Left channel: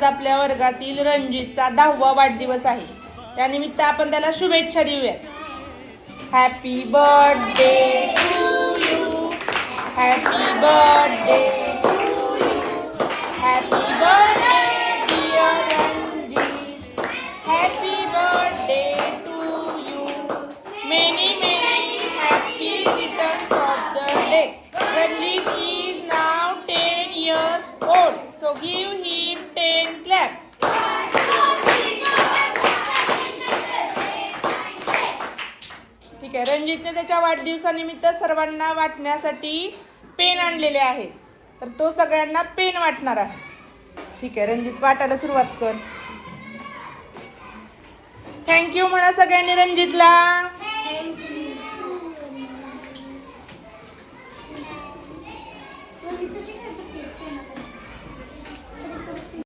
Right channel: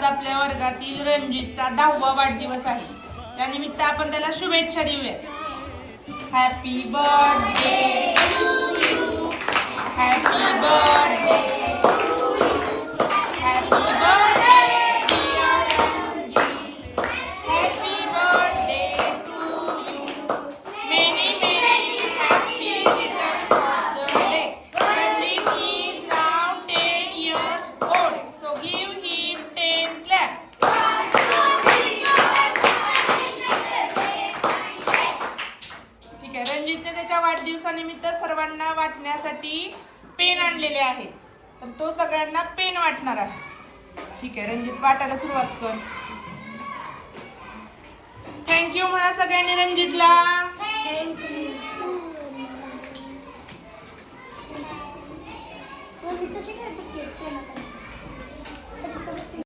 आज आपल्या वर्गातील रणजितचा 10वा वाढदिवस आहे। त्यानिमित्त आपण त्याला शुभेच्छा देऊया। Happy birthday to you, happy birthday, happy birthday dear Ranjit, happy birthday to you, many many happy returns of the day. Ranjit is now 10 years old, so give him 10 claps. ठीक आहे, रणजितने त्याच्या वाढदिवसानिमित्त सर्वांना वाटण्यासाठी पेन आणलेले आहेत, तर तो सगळ्यांना पेन वाटणार आहे। ठीक आहे रणजित, वाटायला सुरुवात कर। थँक्यू म्हणा सगळ्यांनी रणजितला। थँक्यू।